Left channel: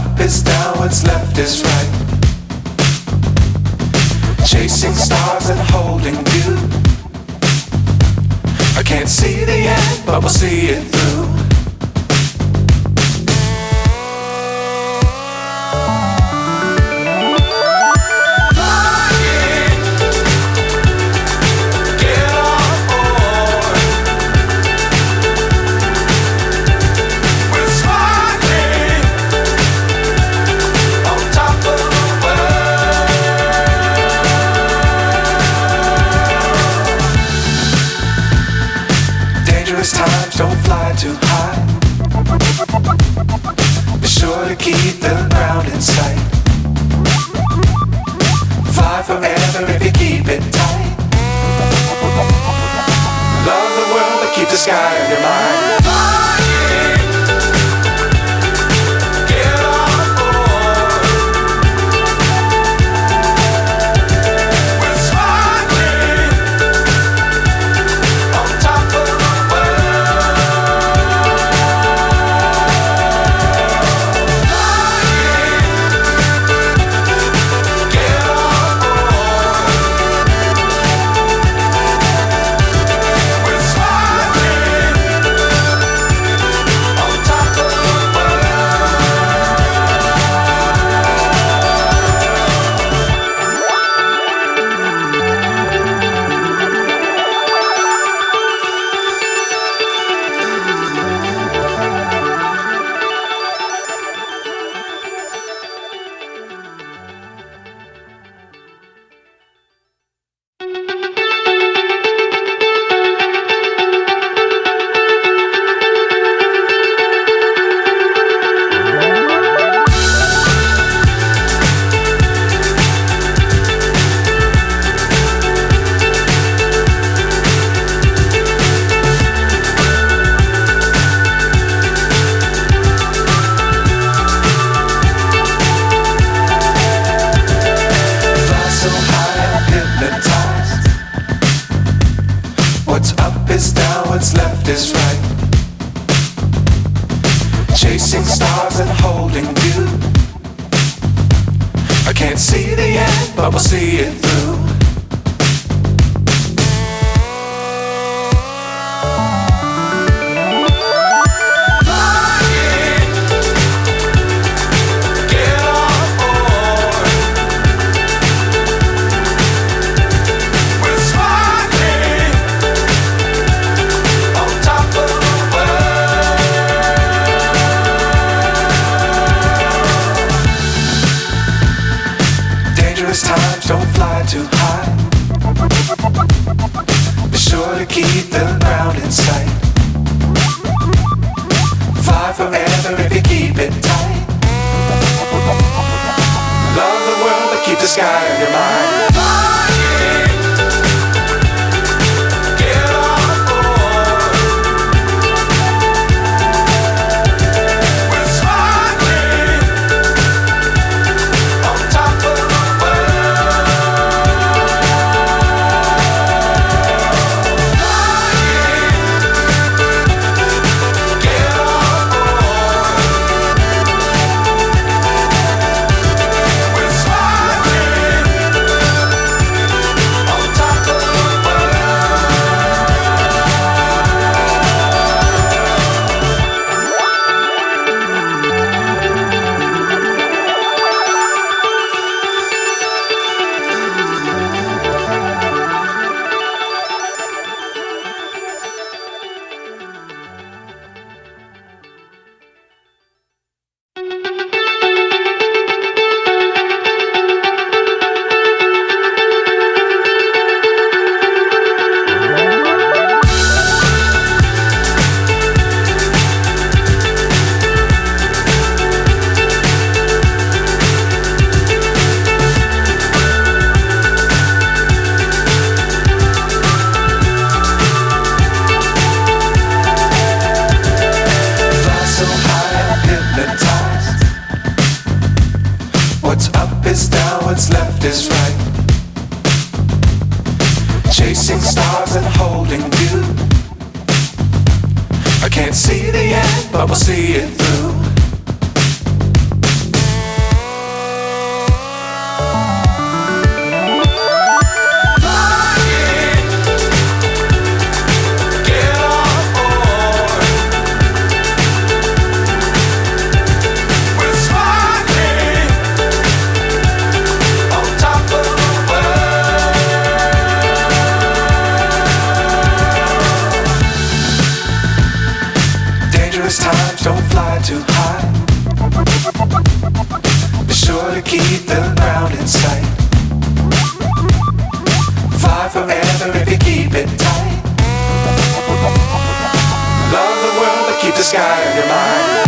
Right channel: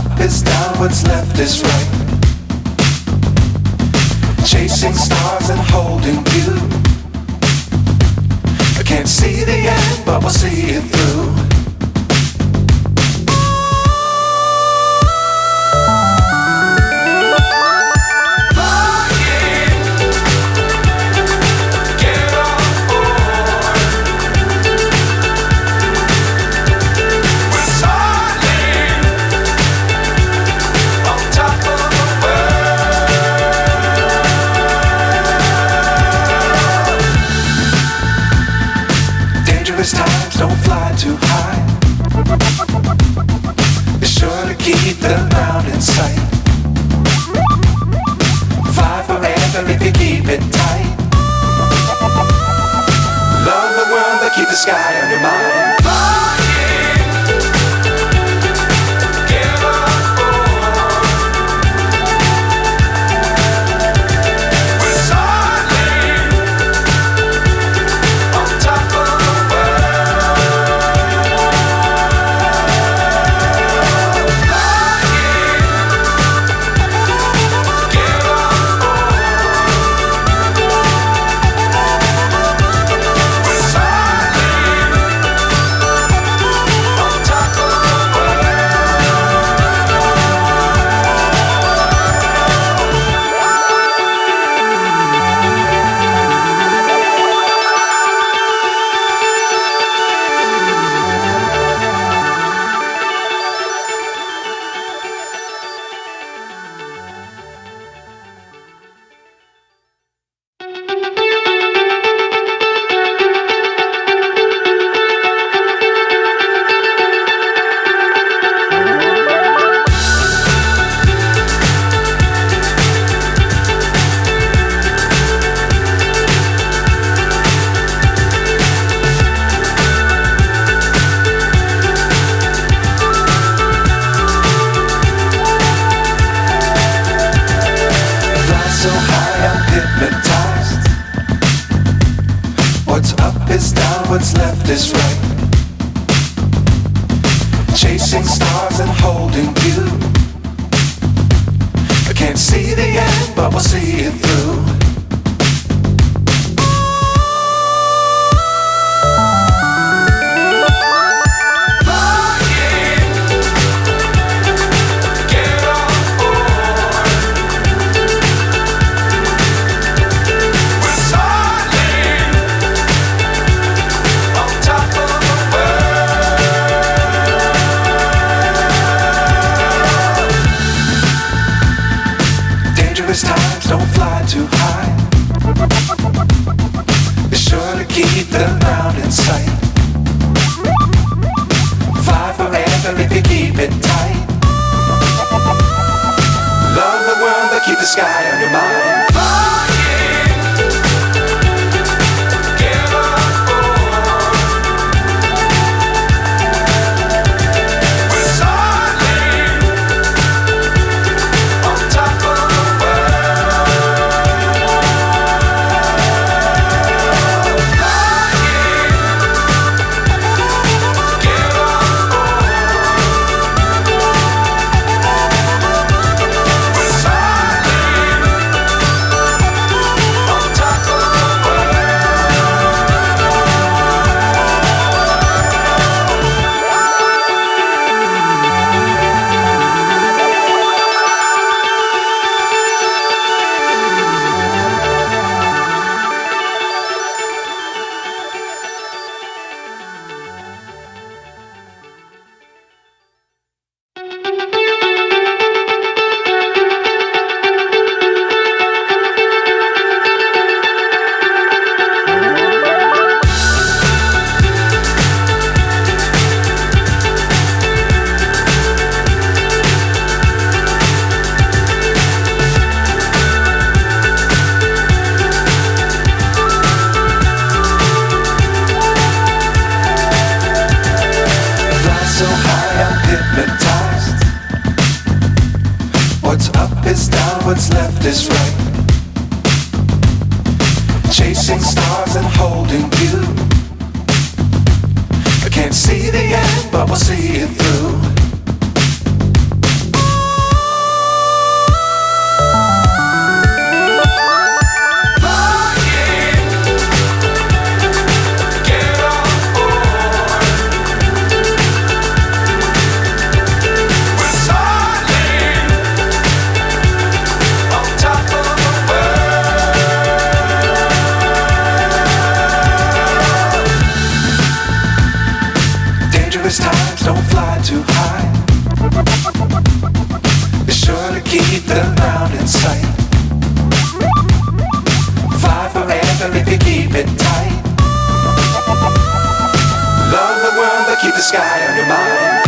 up is down, what's left is right. Chasing stars and holding you. I can't see the end, but we'll see it through. Times don't fly too high. Be sure to keep the ground in sight. Fly forever if you keep it tight. Love the world but keep the sky on your mind. So high I'm hypnotized. What's up is down, what's left is right. Chasing stars and holding you. I can't see the end, but we'll see it through. Times don't fly too high. Be sure to keep the ground in sight. Fly forever if you keep it tight. Love the world but keep the sky on your mind. So high I'm hypnotized. What's up is down, what's left is right. Chasing stars and holding you. I can't see the end, but we'll see it through. the ground in sight. Fly forever if you keep it tight. Love the world but keep the sky on your mind.